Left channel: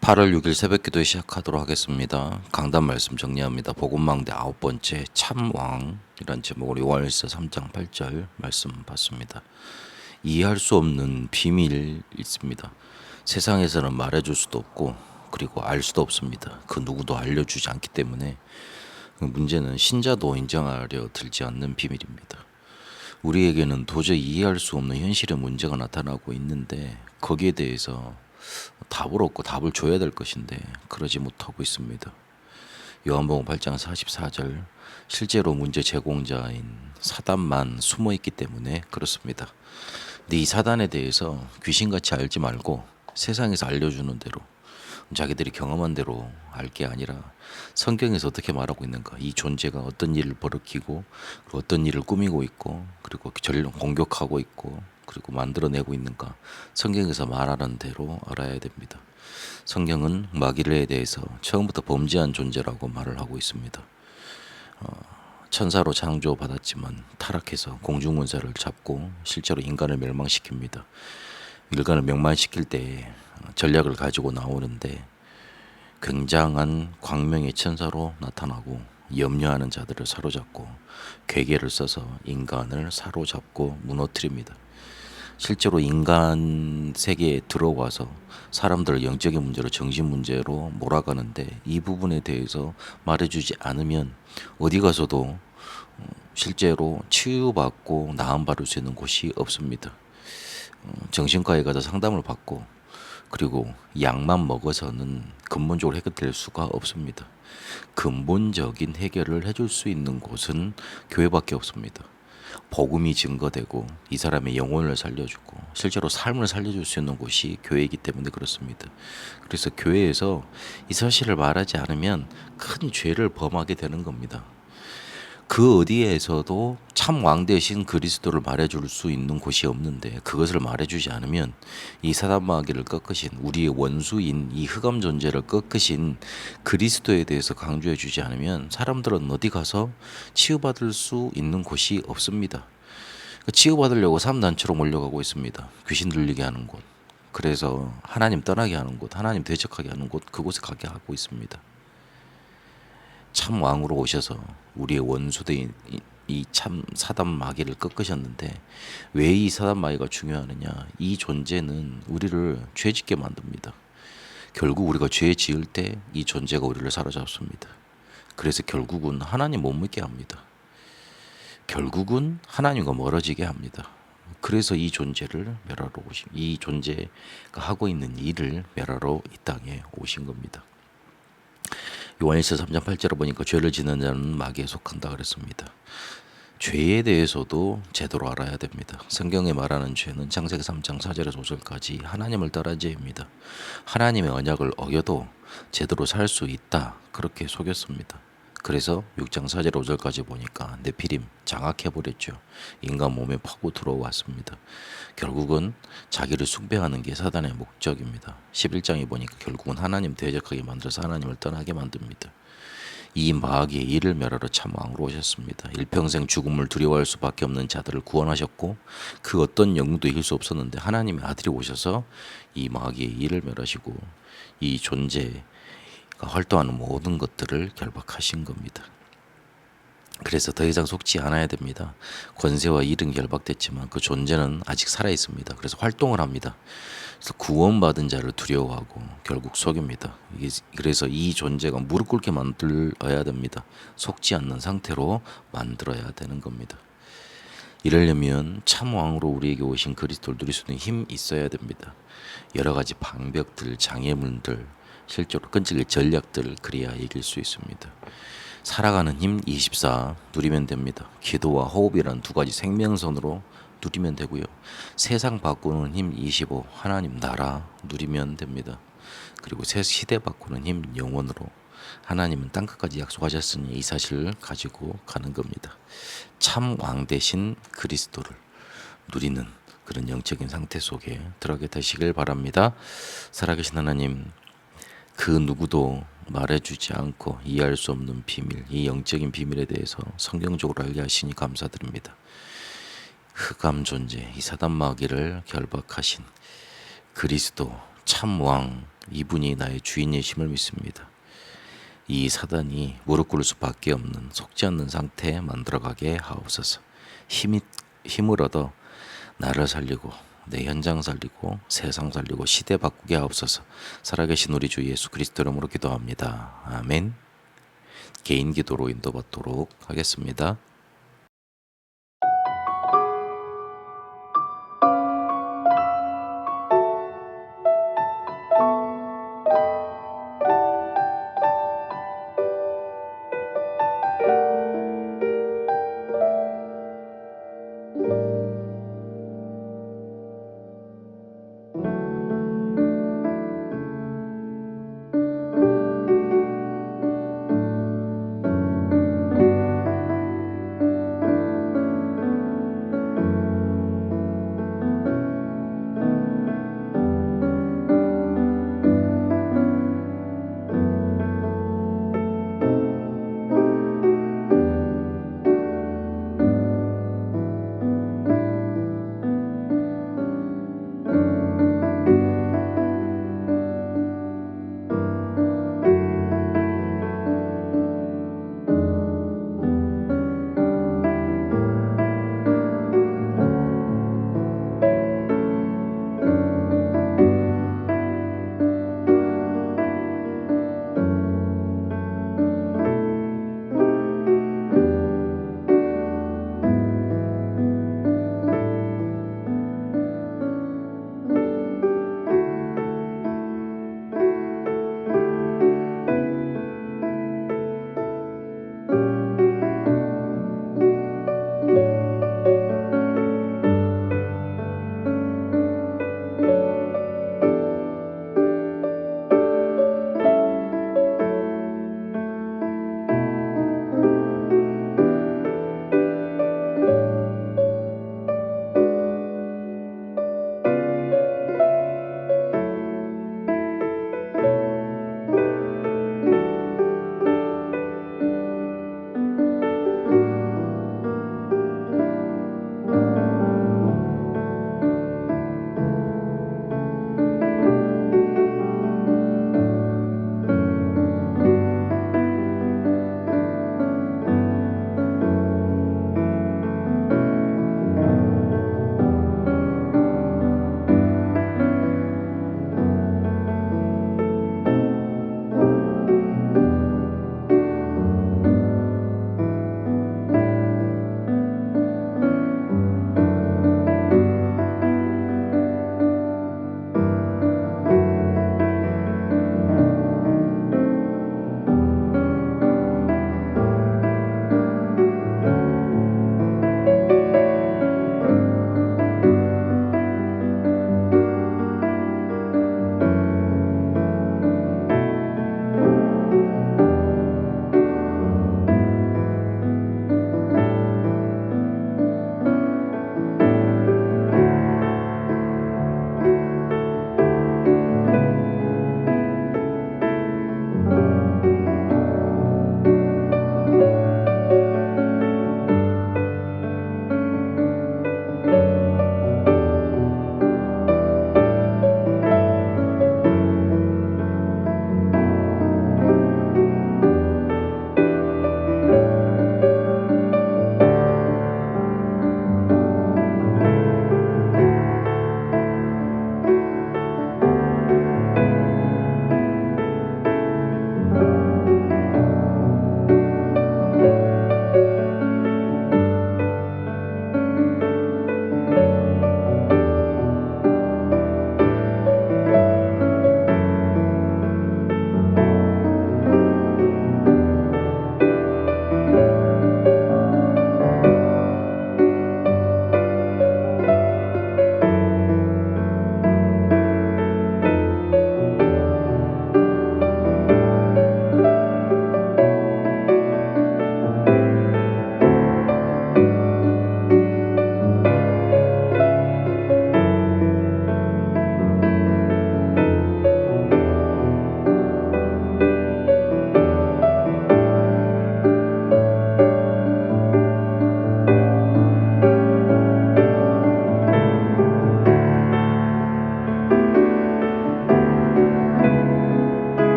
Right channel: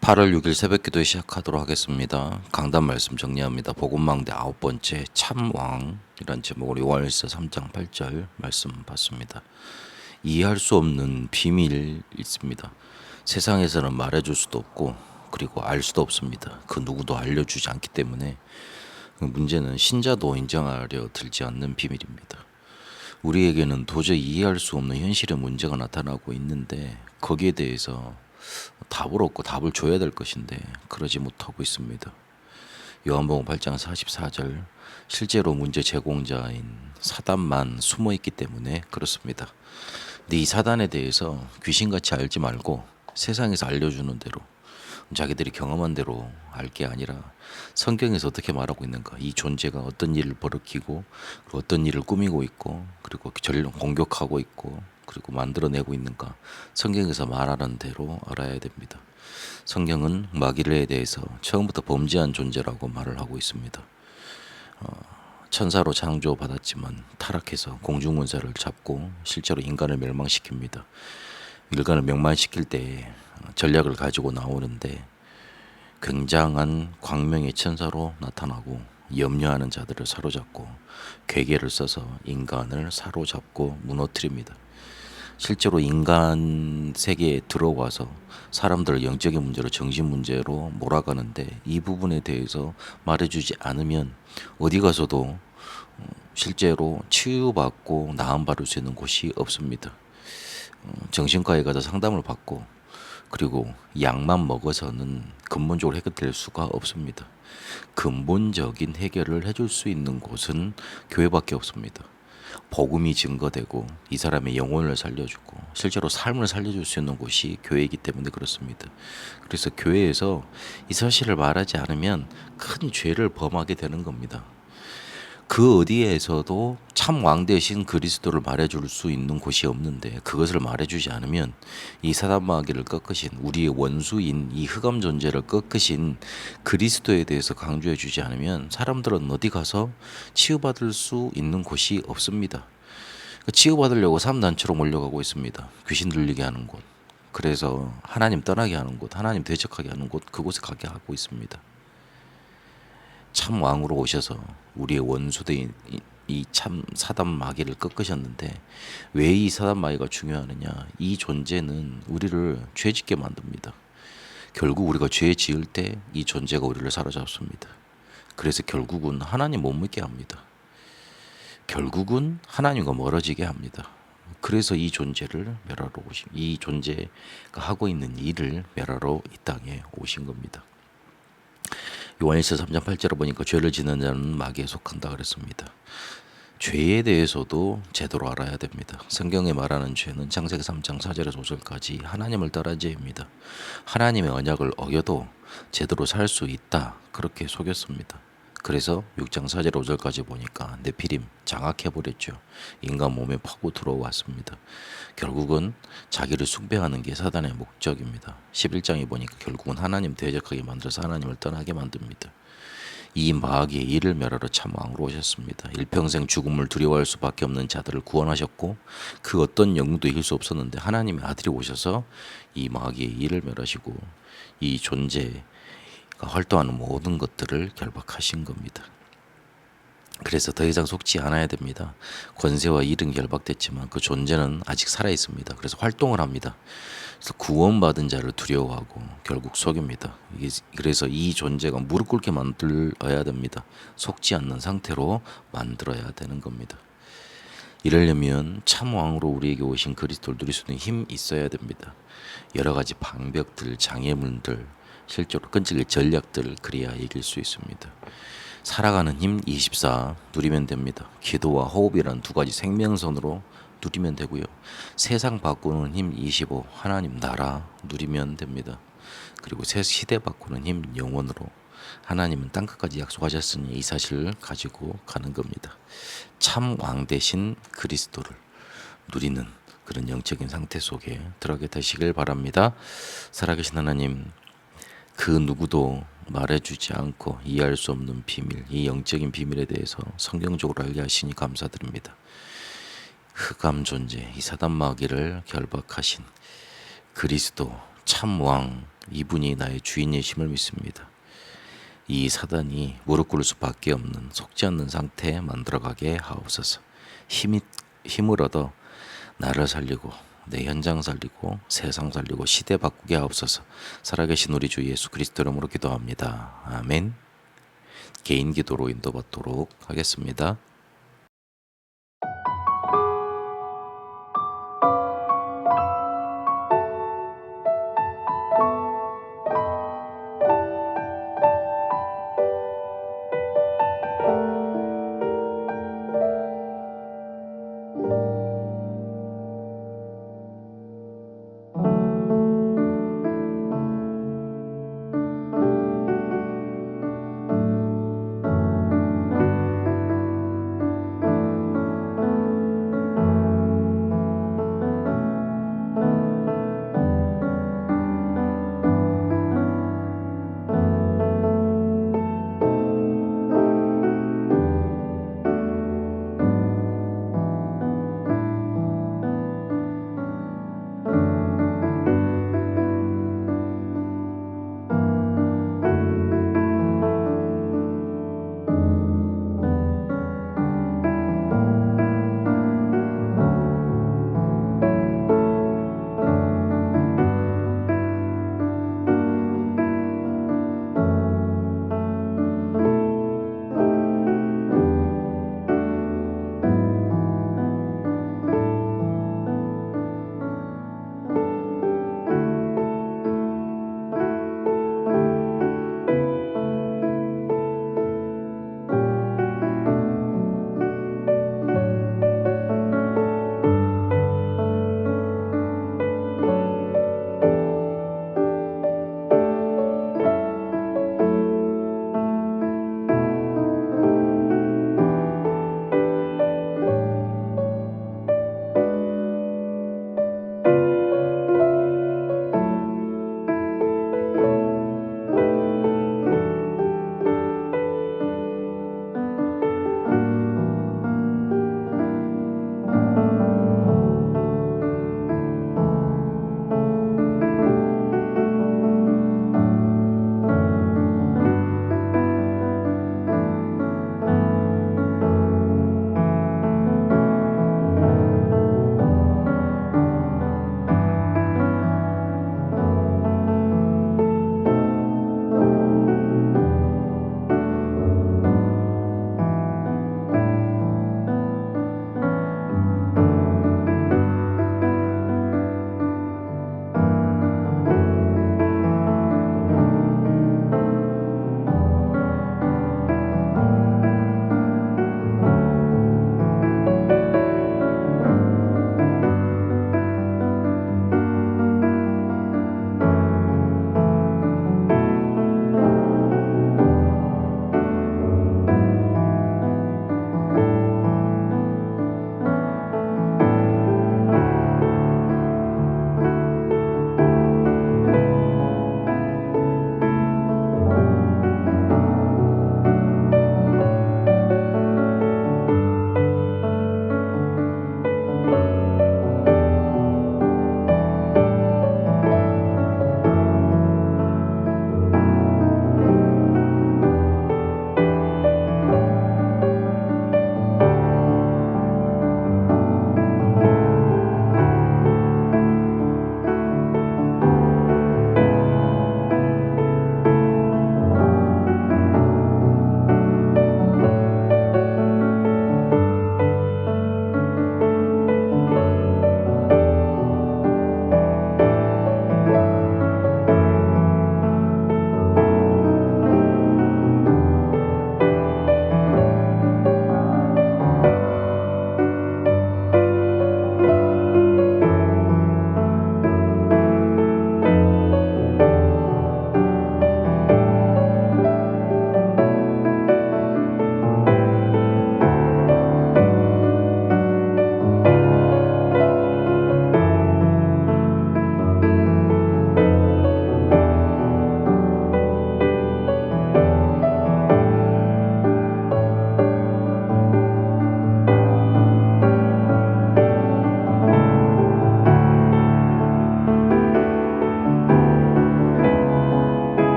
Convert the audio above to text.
8월 6일 새벽기도 시작하도록 하겠습니다. 강단 말씀 정리합니다. 복음망대 9번째 참왕이란 제목으로 요한일서 3장 8절 말씀 봤습니다. 이해할 수 없는 비밀이 있습니다. 세상에서는 말해줄 수도 없고 그리고 알 수도 없습니다. 그 누구도 알려주지 않기 때문에 문제는 신자도 인정하려 들지 않는 비밀입니다. 우리에게는 도저히 이해할 수 없는 현실의 문제가 나타나고 있는데 거기에 대해서 답을 얻고 답을 줘야 될 것인데 그러지 못하고 있습니다. 요한복음 8장 44절 실제로 문제 제공자인 사단만 숨어 있기 때문에 그렇습니다. 근데 이 사단에 대해서 귀신같이 알지 말고 세상에서 알려주는 대로 자기들이 경험한 대로 알 게 아니라 성경에서 어떻게 말하고 있는가, 이 존재가 어떤 일을 벌이키고 그리고 어떤 일을 꾸미고 있고 그리고 공격하고 있고 그리고 만들어내고 있는가, 성경에서 말하는 대로 알아야 됩니다. 성경은 마귀에 대해서 처음부터 범죄한 존재라고 말을 하고 있습니다. 천사로 창조받았지만 타락해서 공중문사를 잡고 실제로 인간을 멸망시킵니다. 인간을 멸망시킬 때 전략을 가지고 나오는데 굉장한 광명의 천사로 나타나고 염려하는 자들을 사로잡고 괴계를 써서 인간을 사로잡고 무너뜨립니다. 실제로 인간 세계에 들어와서 사람들을 영적인 문제로 정신 문제로 몰아가는데 이 부분에 대해서 말해주지 않으면 어디 가서도 실제로 치유받고 나음받을 수 있는 곳이 없습니다. 정신과에 가서 상담을 받고 그리고 약만 먹어서는 근본적으로 해결될 수가 없습니다. 근본적인 해결을 해줄 수 있는 곳은 교회밖에 없습니다. 복음이 증거되고 이 사람의 영혼을 살려주고 실제로 삶을 살려줄 수 있는 곳이 교회이기 때문에 그렇습니다. 그래서 교회에서 이 사실을 말하지 않으면 큰 죄를 범하게 되는 겁니다. 그 어디에서도 참 왕 대신 그리스도를 말해줄 수 있는 곳이 없는데 그것을 말해주지 않으면 이 사단 마귀를 꺾으신 우리의 원수인 이 흑암 존재를 꺾으신 그리스도에 대해서 강조해주지 않으면 사람들은 어디 가서 치유받을 수 있는 곳이 없습니다. 치유받으려고 3단체로 몰려가고 있습니다. 귀신 들리게 하는 곳, 그래서 하나님 떠나게 하는 곳, 하나님 대적하게 하는 곳, 그곳에 가게 하고 있습니다. 참 왕으로 오셔서 우리의 원수된 이 참 사단 마귀를 꺾으셨는데 왜 이 사단 마귀가 중요하느냐? 이 존재는 우리를 죄짓게 만듭니다. 결국 우리가 죄 지을 때 이 존재가 우리를 사로잡습니다. 그래서 결국은 하나님 못 믿게 합니다. 결국은 하나님과 멀어지게 합니다. 그래서 이 존재를 멸하러 이 존재가 하고 있는 일을 멸하러 이 땅에 오신 겁니다. 요한일서 3장 8절을 보니까 죄를 짓는 자는 마귀에 속한다 그랬습니다. 죄에 대해서도 제대로 알아야 됩니다. 성경에 말하는 죄는 창세기 3장 4절에서 5절까지 하나님을 따른 죄입니다. 하나님의 언약을 어겨도 제대로 살 수 있다 그렇게 속였습니다. 그래서 6장 4절 5절까지 보니까 네피림 장악해버렸죠. 인간 몸에 파고 들어왔습니다. 결국은 자기를 숭배하는 게 사단의 목적입니다. 11장에 보니까 결국은 하나님 대적하게 만들어서 하나님을 떠나게 만듭니다. 이 마귀의 일을 멸하러 참 왕으로 오셨습니다. 일평생 죽음을 두려워할 수밖에 없는 자들을 구원하셨고 그 어떤 영웅도 이길 수 없었는데 하나님의 아들이 오셔서 이 마귀의 일을 멸하시고 이 존재가 활동하는 모든 것들을 결박하신 겁니다. 그래서 더 이상 속지 않아야 됩니다. 권세와 일은 결박됐지만 그 존재는 아직 살아있습니다. 그래서 활동을 합니다. 그래서 구원받은 자를 두려워하고 결국 속입니다. 그래서 이 존재가 무릎 꿇게 만들어야 됩니다. 속지 않는 상태로 만들어야 되는 겁니다. 이러려면 참 왕으로 우리에게 오신 그리스도를 누릴 수 있는 힘이 있어야 됩니다. 여러 가지 방벽들, 장애물들, 실제로 끈질길 전략들, 그래야 이길 수 있습니다. 살아가는 힘 24 누리면 됩니다. 기도와 호흡이란 두 가지 생명선으로 누리면 되고요. 세상 바꾸는 힘 25 하나님 나라 누리면 됩니다. 그리고 새 시대 바꾸는 힘 영원으로 하나님은 땅끝까지 약속하셨으니 이 사실을 가지고 가는 겁니다. 참 왕 대신 그리스도를 누리는 그런 영적인 상태 속에 들어가게 되시길 바랍니다. 살아계신 하나님, 그 누구도 말해주지 않고 이해할 수 없는 비밀, 이 영적인 비밀에 대해서 성경적으로 알게 하시니 감사드립니다. 흑암 존재, 이 사단 마귀를 결박하신 그리스도 참 왕 이분이 나의 주인이심을 믿습니다. 이 사단이 무릎 꿇을 수밖에 없는 속지 않는 상태에 만들어가게 하옵소서. 힘을 얻어 나를 살리고 내 현장 살리고 세상 살리고 시대 바꾸게 하옵소서. 살아계신 우리 주 예수 그리스도 이름으로 기도합니다. 아멘. 개인 기도로 인도받도록 하겠습니다.